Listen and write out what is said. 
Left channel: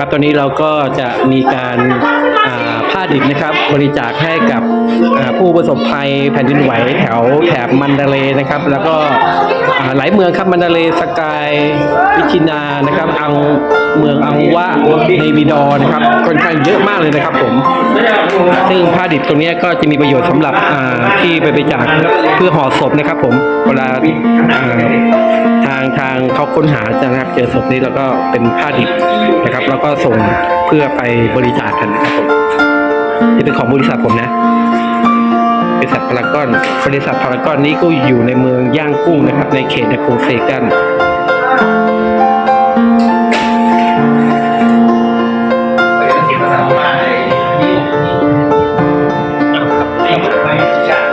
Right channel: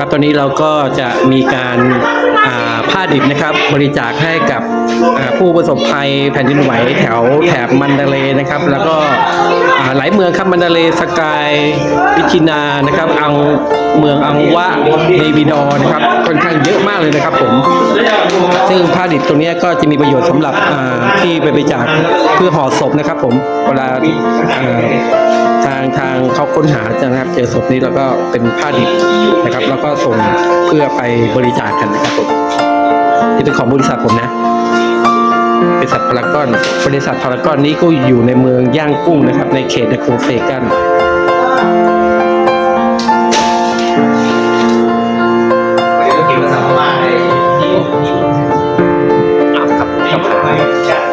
ครับตอนนี้เราก็จะมีการ ผ้าดิบนะครับบริจาคให้กับผู้ประสบภัยแผ่นดินไหวแถวแถบมันดาเลนะครับ แล้วก็หลายเมืองครับมันดาเลสกายวิชินานะครับอังเมืองอังวะเนวิดอนะครับค่อนข้างเยอะมากเลยนะครับผม ซึ่งผ้าดิบตรงนี้ก็จะมีประโยชน์สำหรับที่ไปบริจาคเพื่อห่อศพนะครับ ผมเวลาอ่าทางทางเขาค้นหาจะนะครับ เจอศพนี้แล้วก็เป็นผ้าดิบนะครับ แล้วก็ส่ง เพื่อไปบริจาคกันนะครับผมนี่เป็นของบริษัทผมนะบริษัทพารากอนบริษัทพารากอนนี้ก็อยู่ในเมืองย่างกุ้งนะครับ ในเขตนครเซกันครับครับ